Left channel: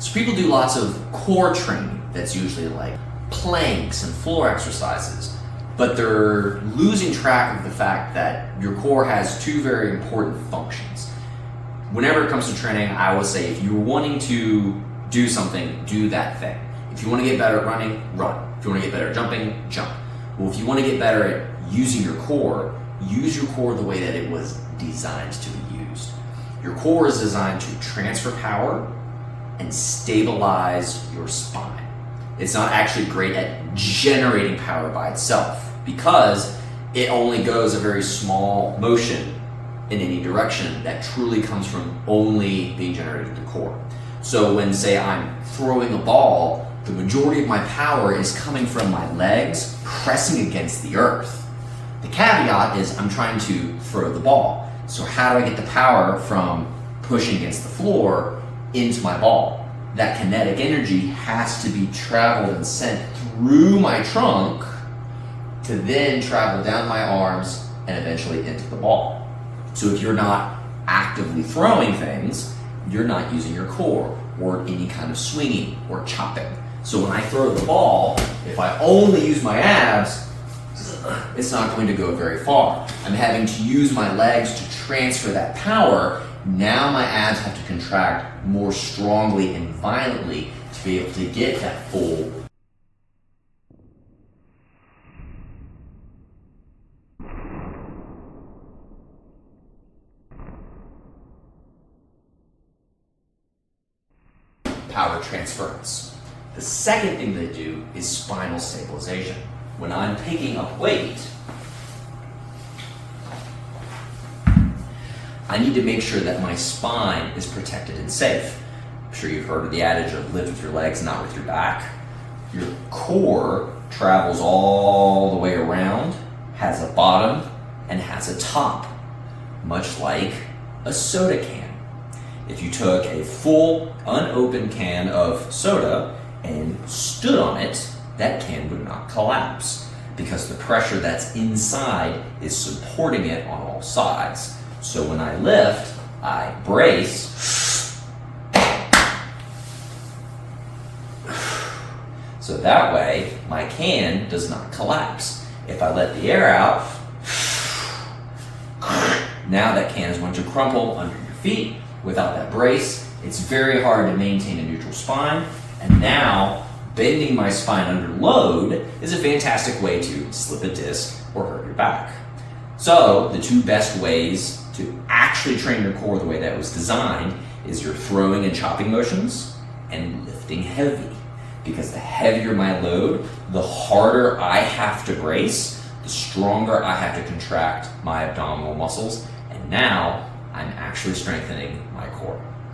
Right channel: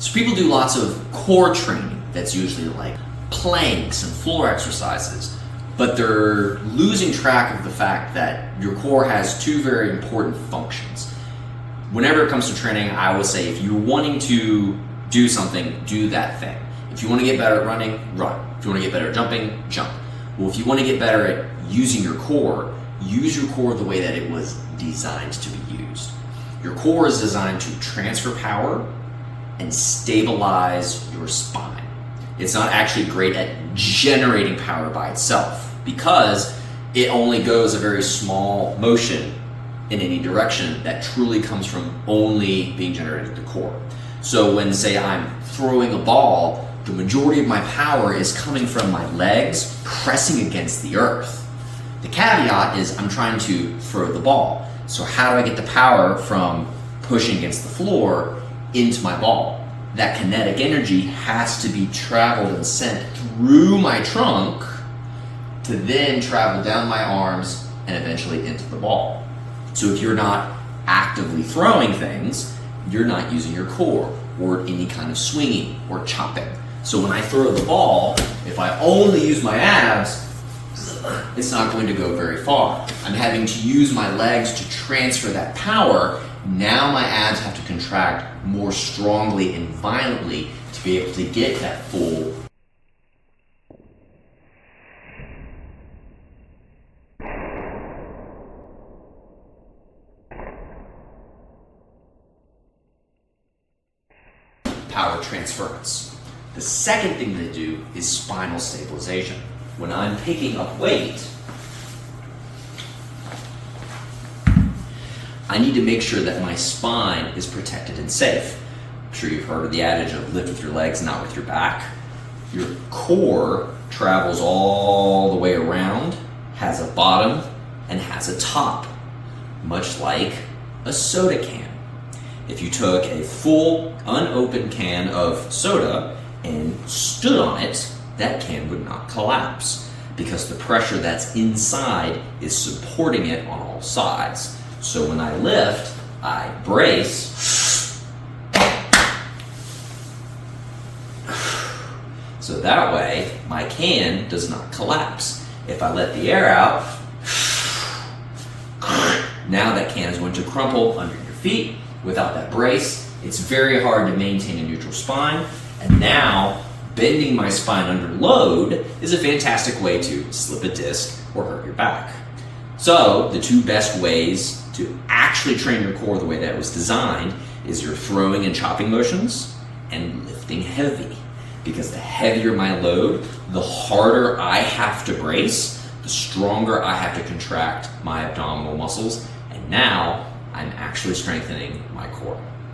So people do lots of core training that's usually like planks and floor exercises, but they're losing track of the fact that your core has two very important functions. Whenever it comes to training, I always say if you're wanting to do something, do that thing. If you want to get better at running, run. If you want to get better at jumping, jump. Well, if you want to get better at using your core, use your core the way that it was designed to be used. Your core is designed to transfer power and stabilize your spine. It's not actually great at generating power by itself because it only goes a very small motion in any direction that truly comes from only being generated at the core. So when, say, I'm throwing a ball, the majority of my power is coming from my legs pressing against the earth. The caveat is I'm trying to throw the ball. So how do I get the power from pushing against the floor into my ball? That kinetic energy has to be traveled and sent through my trunk to then travel down my arms and eventually into the ball. So if you're not actively throwing things, you're not using your core or any kind of swinging or chopping. So when I throw the ball, if I only use my abs, it's not going to go very far. I'm having to use my legs to transfer that power. Now my abs have to contract more strongly and violently to be able to get that full power transference. The second thing they do is spinal stabilization. When I'm picking up weight, I need to make sure that my spine is protected and safe. I'm sure you've heard of the adage of lift with your legs, not with your back. Your core travels all the way around, has a bottom, and has a top, much like a soda can. If you took a full, unopened can of soda and stood on it, that can would not collapse because the pressure that's inside is supporting it on all sides. So when I lift, I brace, so that way my can does not collapse. If I let the air out, now that can is going to crumple under your feet. Without that brace, it's very hard to maintain a neutral spine, and now bending my spine under load is a fantastic way to slip a disc or hurt your back. So the two best ways to actually train your core the way that was designed is your throwing and chopping motions and lifting heavy. Because the heavier my load, the harder I have to brace, the stronger I have to contract my abdominal muscles, and now I'm actually strengthening my core.